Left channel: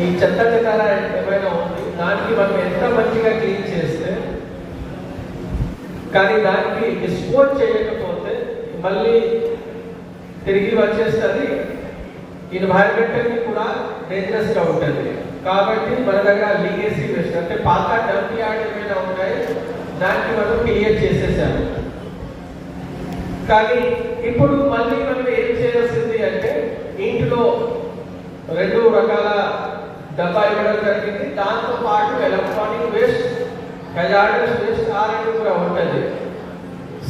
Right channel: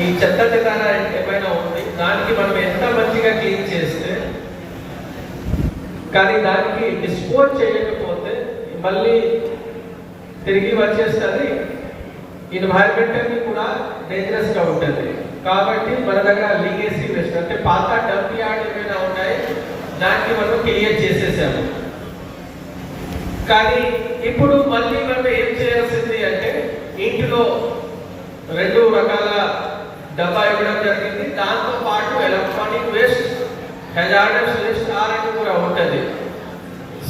ఈ చెత్త చెత్త ఏమైనా ఉంది దానికి మనం ఎంత మంచిగా క్లీన్ చేస్తే కానీ దానికి డిస్పోజ్ చేయకపోతే మళ్ళీ తిరిగి వచ్చేస్తుంది, ఎన్వైరన్మెంటల్ని కూడా డేంజరస్ గా ఉంటుంది. కాబట్టి మన దగ్గర లీగేసీ వేస్ట్ అంటే పాత డంప్ యార్డ్ ఏమైనా ఉన్నాయి దాన్ని మనం క్లియర్ చేసేసాము. కానీ ఇప్పుడు మళ్ళీ మనం ఏం చేయాల్సింది అంటే ఇంటిలో 2 రకాల డబ్బా ఇవ్వడం జరిగింది. దాంతో పాటు ఎలక్ట్రానిక్ వేస్ట్, హెజార్డస్ వేస్ట్ ఆ 2 కూడా ఉంటుంది.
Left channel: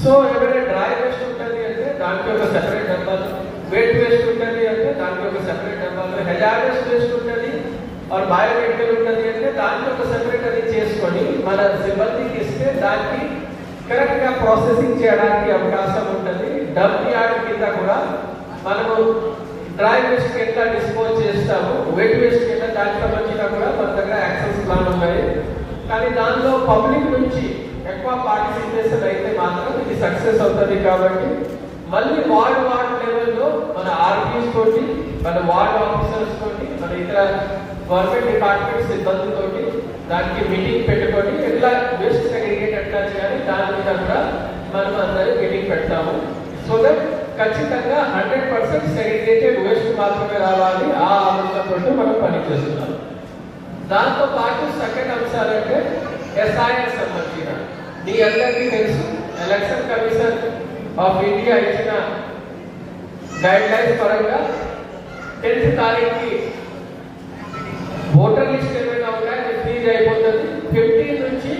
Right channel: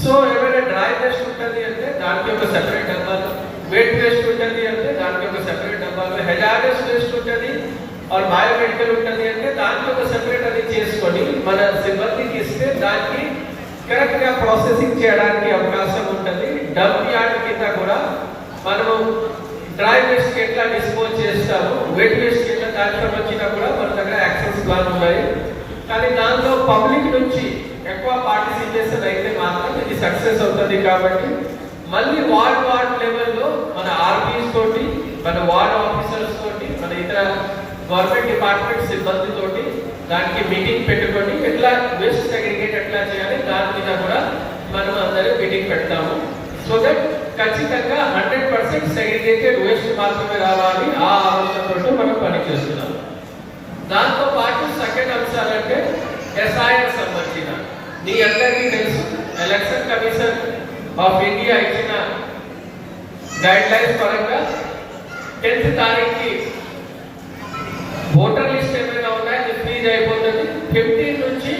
సో ఏమైనా డ్రై వేస్ట్ ఉంటుంది అంటే దానికి ఒక సెపరేట్ డబ్బాలు, వెట్ వేస్ట్ ఉంటుంది అంటే దానికి ఒక సెపరేట్ డబ్బాలు, హెజార్డస్ వేస్ట్ ఉంటుంది బయోమెడికల్ ఉంటుంది అంటే దానికి ఒక సెపరేట్ అది చేసుకొని మన సిబ్బందికి ఇస్తే దానికి కరెక్ట్ గా ప్రాసెసింగ్ చేయడానికి అవకాశం ఉంటుంది. డంప్ యార్డ్ కింద కూడా మనము డ్రై వేస్ట్ ఎట్లా డిస్పోజ్ చేస్తాము, వెట్ వేస్ట్ ఎట్లా దానికి సంబంధించిన కూడా మన దగ్గర యాక్సెస్ ప్లాన్ ఉన్నాయి. కానీ దాంట్లో పబ్లిక్ నుంచి ఎక్కువ పార్టిసిపేషన్ అయితే మాత్రం ఇది సక్సెస్ అవుతుంది. కాబట్టి మళ్ళీ వార్డ్ లెవెల్లో మన ఆర్పీస్ తోటి, మన వార్డ్ ఆఫీసర్స్ తోటి, మన ఇతర గవర్నమెంట్ డిపార్ట్మెంట్ సిబ్బంది తోటి దానికి మీటింగ్ పెట్టుకొని ఎట్లా వేస్ట్ సెగ్రిగేట్ ఎట్లా చేయాలి దాని మీద కూడా మనం అందరూ మీటింగ్ పెడతాము. సో దట్ ఖచ్చితంగా 100% సెగ్రిగేటెడ్ వేస్ట్ మాత్రమే రావాలి. ఆ ఆలోచనతో మనం పనిచేస్తున్నాం. దాంతో పాటు సెకండ్ అంశాలంటే ఎస్ఐకి సంబంధించిన మీ అందరికీ తెలుసు, ఎలక్షన్ కమిషన్ ఆఫ్ ఇండియా ఇచ్చిన గైడ్ లైన్స్ పరంగా 10th తారీఖుకి ఓటర్ లిస్ట్ ఏమైనా ఉన్నాయి అది ఫ్రీజ్ అయిపోతుంది. 15 నుంచి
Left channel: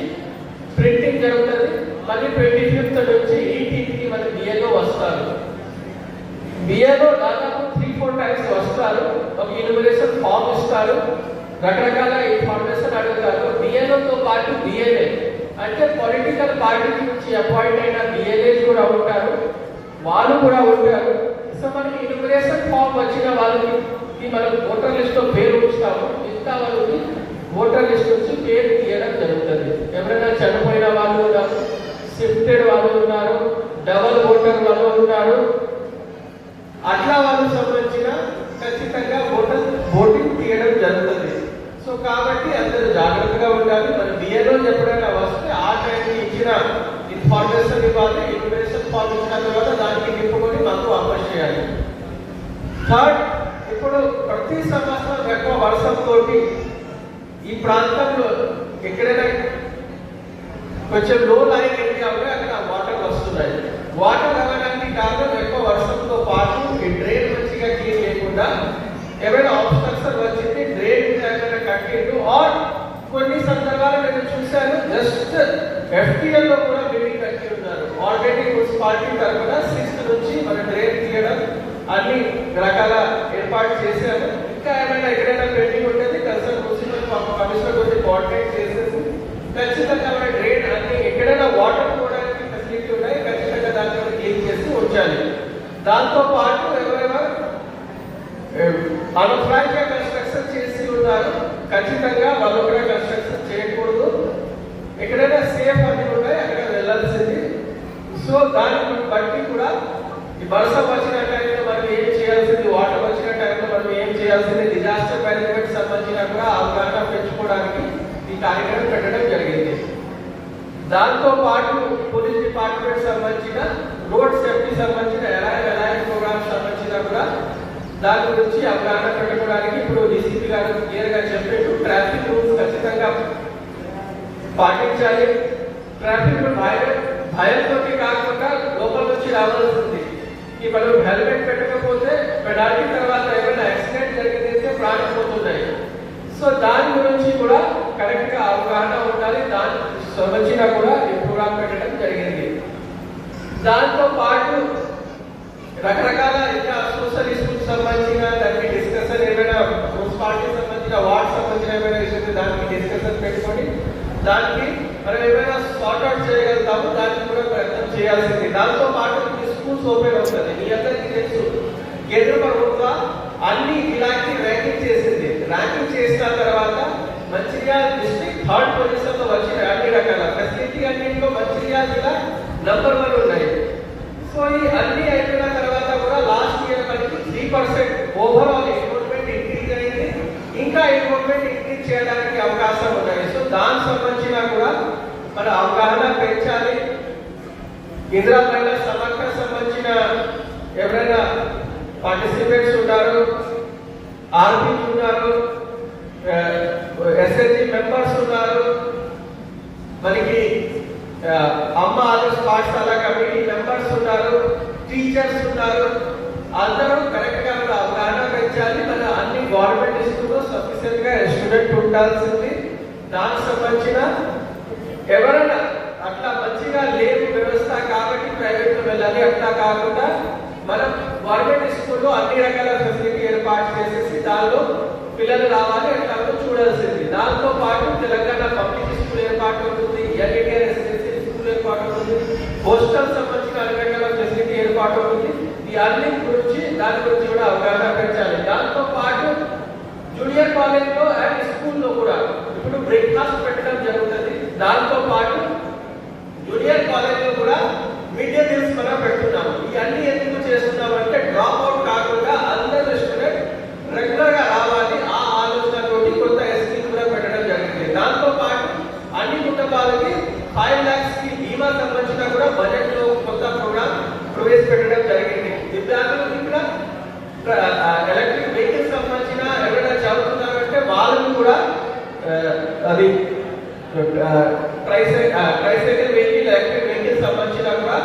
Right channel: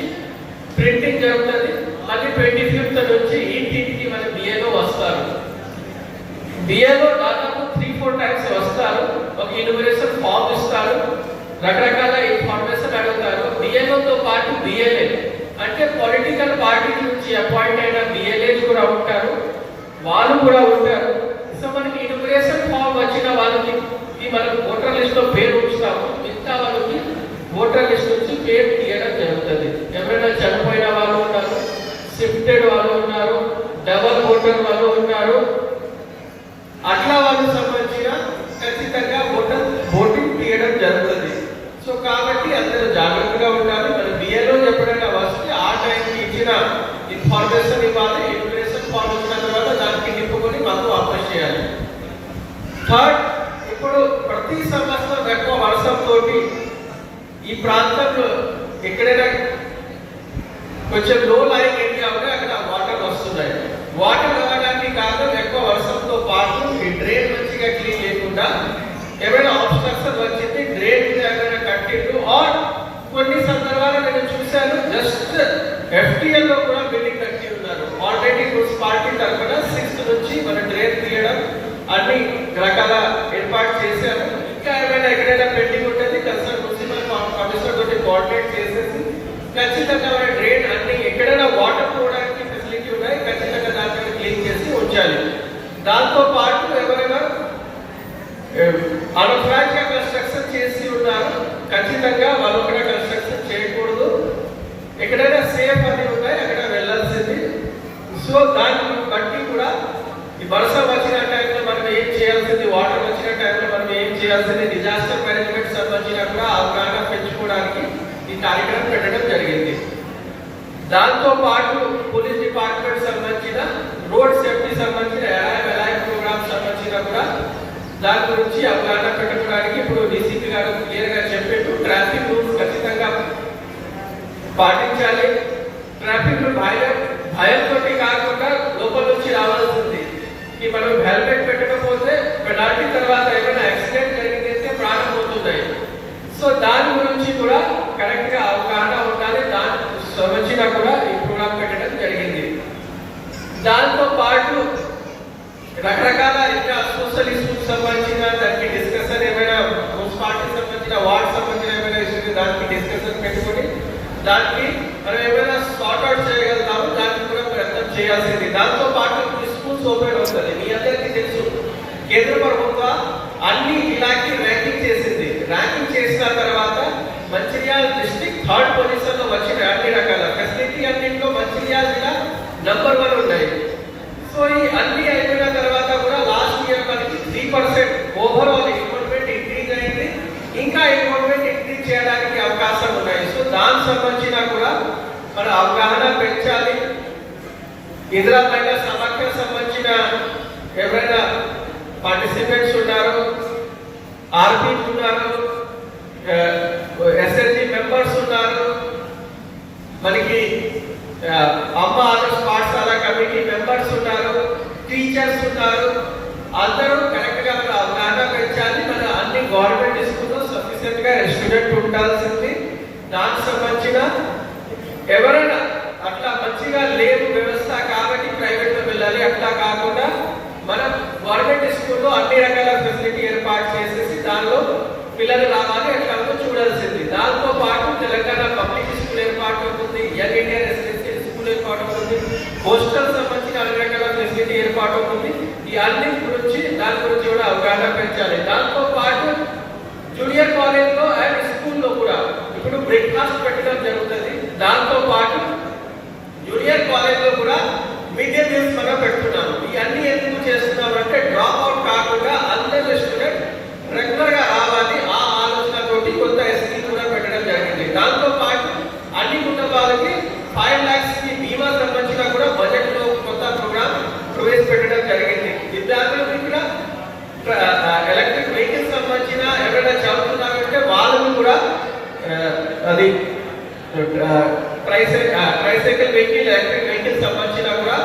ప్రింటింగ్ జరుగుతుంది. మళ్ళీ 25th నుంచి ఇంటింటికి మన బిఏలో వస్తారు. బిఏలో దాదాపు 3-4 టైమ్స్ వస్తారు. ఒక ఇన్విటేషన్ ఫామ్ ఇస్తారు, రకరకాల ఇన్ఫర్మేషన్ అడుగుతారు. బిఏలోతో పాటు బిఏలే అంటే పొలిటికల్ పార్టీ నుంచి అపాయింట్ అయిన బిఏలేస్ కూడా ఉంటారు, వాళ్ళు కూడా ఉంటారు. సో మనకి ఇన్విటేషన్ ఫామ్ వచ్చిన వాళ్ళకి మనం ఓటర్ లిస్ట్ లో పేరు ఉంచుతాము. మిగతా వాళ్ళకి ఓటర్ లిస్ట్ నుంచి పేరు తీయడం జరుగుతుంది. ఎవరైనా చనిపోయిన వాళ్ళు ఉన్నారు, షిఫ్టెడ్ వాళ్ళు ఉన్నారు, డబల్ ఓటర్ వాళ్ళు ఉన్నారు, అట్లా వాళ్ళకి సంబంధించిన ఖచ్చితంగా ఓటింగ్ తీయడం జరుగుతుంది. సో కాబట్టి అందరూ జాగ్రత్తగా ఉండాలి. మన బిఏలో ఎప్పుడైనా వస్తే ఆ టైంకి ఇచ్చిన ఇన్ఫర్మేషన్ ఇవ్వాలి. ఇన్ఫర్మేషన్ ఫామ్ ఇచ్చిన తర్వాత దానికి నింపుకొని మాకు అప్లై చేయాలి. థర్డ్, ఇప్పుడు ప్రతి సంవత్సరం ఎక్కువ వర్షంతో ఈ ప్రాంతంలో ఎక్కడైనా కొంచెం లో లైన్ ఏరియా ఉంటే అక్కడ వాటర్ వస్తున్నాయి. వాటర్ రావడానికి కారణం ఎక్కువ వర్షంతో పాటు ఈ డ్రైన్ మంచిగా క్లీన్ చేయకుండా ఎవరైనా ఆబ్స్ట్రక్షన్ వచ్చింది, డ్రైన్ ఏమైనా కట్టిండు ఆర్ కొన్ని సందర్భాలు నేను చూశాను జస్ట్ ఎఫ్టీఎల్ లో కూడా బిల్డింగ్ కట్టి ఉన్నారు. ఆల్రెడీ మున్సిపాలిటీ తరఫున 6th నుంచి మన డ్రైన్ తీయడం అన్ని రకాల ఏర్పాటు చేశారు. ఇంకా ఏమైనా ఎక్కడైనా పెండింగ్ ఉంటుంది కన్సర్న్ మున్సిపల్ కమిషనర్ తోటి కోఆర్డినేట్ చేసేసి ఖచ్చితంగా మన డ్రైన్ అన్ని ఎక్కడైనా వాటర్ పోవడానికి ఫెసిలిటీ ఉన్నాయి ఖచ్చితంగా దాన్ని క్లీన్ చేసి ఉంచాలి. దాంతో పాటు ఎవరైనా అన్‌ప్లాన్డ్ గా కన్స్ట్రక్షన్ చేసి ఉన్నారు ఖచ్చితంగా వాళ్ళు కూడా కన్స్ట్రక్షన్ చేయకూడదు. ఎక్కడైనా సేఫ్ అని ఉన్నాయి అక్కడ వెళ్ళాల్సింది. సో దాన్ని బట్టి కూడా ఈ వర్షం వచ్చిన టైంలో మనం ఏం చేయాల్సింది, వాటర్ వచ్చిన టైంలో మనం ఏం చేయాల్సింది, డిజాస్టర్ మేనేజ్మెంట్ సంబంధించిన కూడా అవగాహన పెంచుకోవడానికి ఈ కార్యక్రమం పెట్టడం జరిగింది. దాంతో పాటు పోలీస్ డిపార్ట్మెంట్ సంబంధించిన రోడ్ సేఫ్టీ సంబంధించిన ఎలాంటి ప్రోగ్రామ్ సంబంధించిన కూడా దాని గురించి అవగాహన పెట్టుకోవడానికి ఇప్పుడు డీసీపీ గారు క్లియర్ గా చెప్పారు. ట్రాఫిక్ రూల్స్ ఖచ్చితంగా పాటించాలి. ట్రాఫిక్ భయంతో కాకుండా లోపల నుంచి రావాల్సింది. ఈ మనం హెల్మెట్ పెట్టకపోతే పెనాల్టీ తర్వాత ఏమైనా యాక్సిడెంట్ జరిగితే ప్రాణం పోతున్నాయి. సో దాని గురించి కూడా కరెక్ట్ గా అవగాహన ఉండాలి. దాని సంబంధించిన కూడా ఈ ప్రోగ్రామ్ పెట్టడం జరిగింది. దాంతో పాటు రకరకాల ఇంకా సోషల్ ఇష్యూస్ సంబంధించిన దానికి డిస్కషన్ ఏమైనా మున్సిపాలిటీ సంబంధించిన వార్డ్ సంబంధించిన ఏమైనా ఇష్యూస్ దానికి డిస్కషన్ పెట్టుకొని దానికి మనం ఏమైనా సార్ట్ అవుట్ చేయగలుగుతాము. దానికి కూడా ప్రయత్నం చేయాల్సింది. దాంతో పాటు స్కూల్స్ ఓపెన్ అవుతుంది. మీ అందరికీ తెలుసు కేంద్ర ప్రభుత్వం అన్ని ఇలాంటి ర్యాంకింగ్ చేసింది. ర్యాంకింగ్ చేసిన తర్వాత మంచిర్యాల డిస్ట్రిక్ట్ 3rd పొజిషన్ లో వచ్చిన అన్ని రకాల ఫెసిలిటీ అన్నింటిలో మంచిర్యాల జిల్లా నంబర్ 1 ఉన్నాయి. సో ఈ అన్ని అయిపోయిన తర్వాత కూడా లాస్ట్ ఇయర్ మనకి 3% ఓవరాల్ ఇంప్రూవ్మెంట్ ఇంక్రీజ్ అయింది. ఇంకా ఇంప్రూవ్మెంట్ చేయడానికి అవకాశం ఉన్నాయి. సో దానికి సంబంధించిన కూడా మన అవగాహన పెంచాలి. ఇందిరా మహిళా సమాఖ్య సంబంధించిన ఎవరైనా పార్టిసిపేట్స్ ఉన్నారు, ఆర్పీ ఉన్నారు, ఎస్ఎస్జి మెంబర్స్ ఉన్నారు, మనకి అమ్మ ఆదర్శ పాఠశాల కమిటీ మెంబర్స్ ఉన్నారు, టీచర్స్ ఉన్నారు. అందరూ కరెక్ట్ గా అవగాహన పెంచాలి. మన అన్ని గవర్నమెంట్ స్కూల్లో సఫిషియెంట్ గా స్టూడెంట్ ఉండాల్సింది. దానికి సంబంధించిన ఎవరైనా అట్లా మంచిగా లేవు వ్యవస్థ కాబట్టి ప్రైవేట్ లో వెళ్ళాలి, అట్లా కాకుండా మనం గవర్నమెంట్ స్కూల్లో అన్ని రకాల ఫెసిలిటీ ఏర్పాటు చేసేసి దానిలో పిల్లలు రావాలి అట్లా చూడాల్సింది. దాంతో పాటు తెలంగాణ పబ్లిక్ స్కూల్ ఏర్పాటు అవుతుంది, యంగ్ ఇండియా రెసిడెన్షియల్ స్కూల్ ఏర్పాటు అవుతుంది, హాస్టల్ సంబంధించిన అన్ని రకాల ఫెసిలిటీ ఏర్పాటు అవుతుంది. ఈ అన్ని గురించి దాని గురించి కూడా అవగాహన పెంచాలి. దాంతో పాటు జూనియర్ కాలేజ్లో అండ్ స్కూల్లో కూడా ఇప్పుడు బ్రేక్ఫాస్ట్ పెట్టడం జరుగుతుంది. దాంతో పాటు జూనియర్ కాలేజ్లో కూడా మిడ్ డే మీల్స్ మనం పెడుతున్నాం. ఈ అన్ని ఎందుకు చేస్తున్నాం అంటే డ్రాప్ అవుట్ కాకుండా అందరూ స్టూడెంట్ రెగ్యులర్ గా రావాలి. ఆ ఆలోచనతోటి కొత్త ఎస్కీ కూడా పెట్టడం జరిగింది. దాంతో పాటు అన్ని కుటుంబాలకి 5 lakhs కి బీమా సంబంధించిన కూడా బడ్జెట్ లో కొత్త ప్రోగ్రామ్ ప్రవేశపెట్టడం జరిగింది. విద్యార్థులకు కూడా ఎలక్ట్రిక్ వెహికల్స్ సంబంధించిన ఎవరైనా చదువుతున్నారంటే వాళ్ళని కూడా అది ట్రైసైకిల్ వెహికల్, ఎలక్ట్రిక్ వెహికల్ సంబంధించిన కూడా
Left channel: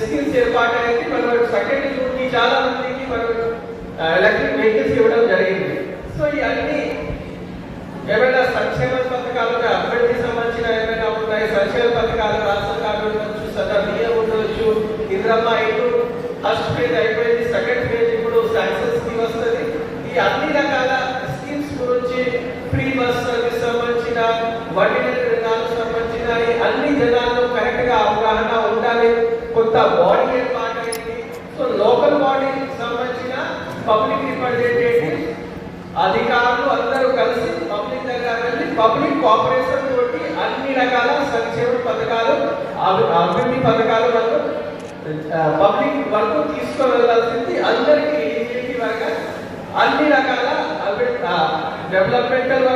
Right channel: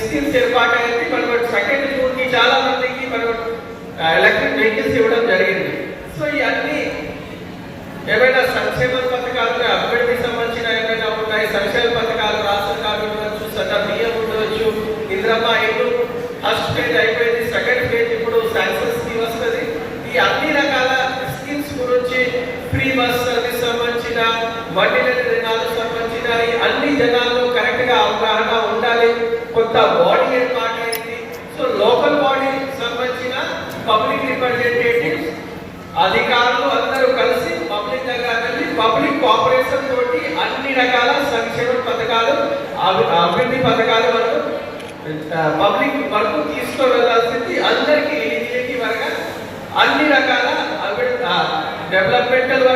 స్కీమ్స్ ఏర్పాటు అనేది మనం సెకండ్ జూన్ కి చాలా మందికి మనం ఎలక్ట్రిక్ వెహికల్స్ ఇవ్వడం జరిగింది. సో ఇవన్నీ ఏమైనా సంక్షేమ పథకాలు అభివృద్ధి సంబంధించిన ఏమైనా ఉన్నాయి, సంక్షేమ పథకాలు రాష్ట్ర కార్డు ఉండవచ్చు, సన్న బియ్యం ఉండవచ్చు, ఇంద్రమ్మ ఇల్లు ఫస్ట్ ఫేజ్ అయిపోయింది, సెకండ్ ఫేజ్ ఇప్పుడు శాంక్షన్ స్కీమ్ వస్తుంది. ఈ అన్ని రకాల స్కీమ్స్ గురించి ఫ్రీ బస్ సర్వీస్ సంబంధించిన వడ్డీ జనాలకు సంబంధించిన అన్ని జనాల్లో కరెక్ట్ గా అవగాహన ఉండాలి. కొత్త బాడీ ఏర్పాటు అయింది. సో లోకల్ బాడీ సంబంధించిన పబ్లిక్ రిప్రజెంటేటివ్స్ అధికారులు అందరూ కలిసి పబ్లిక్ దగ్గర వెళ్ళి పబ్లిక్ కోఆపరేషన్ తోటి అన్ని రకాల సంక్షేమ పథకాలు, అభివృద్ధి పథకాలు మనం పబ్లిక్ వరకు తీసుకొని వెళ్ళాల్సింది. అందరికీ ఎలిజిబిలిటీ వరకు అన్ని రకాల డెవలప్మెంటల్